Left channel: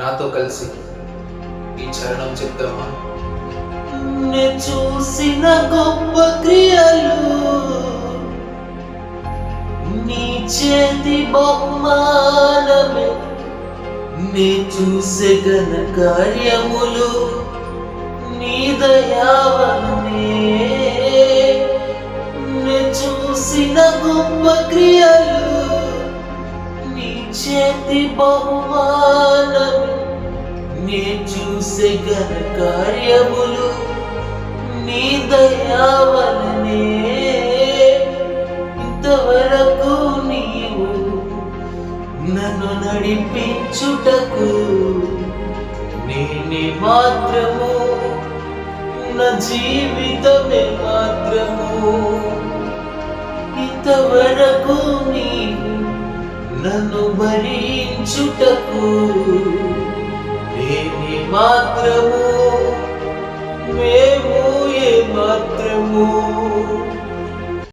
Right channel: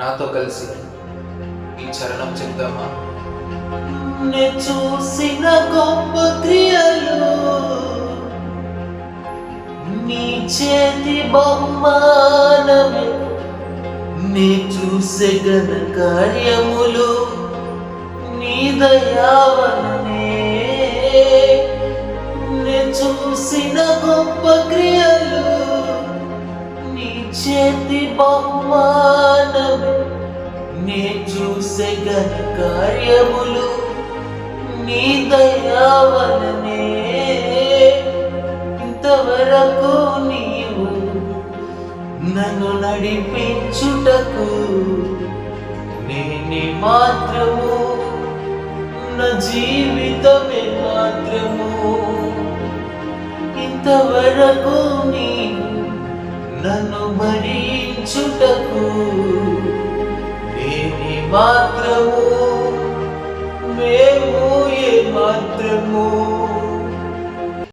నాతో కలిసి ఈ చరణం చెప్తామా? నే చూసిన గొప్ప క్రియలు నీ చేతి బహుమానమే, నే చూసే ఘన కార్యములు నీ దయావలనే. నే చూసిన గొప్ప క్రియలు నీ చేతి బహుమానమే, నే చూసే ఘన కార్యములు నీ దయావలనే. ఇంతవరకు నీవు నన్ను నడిపించుటకు నేనే మాత్రము, నా జీవితమే మాత్రము. ఇంతవరకు నీవు నన్ను భరించుటకు నేనే మాత్రము, మేము ఏ మాత్రము.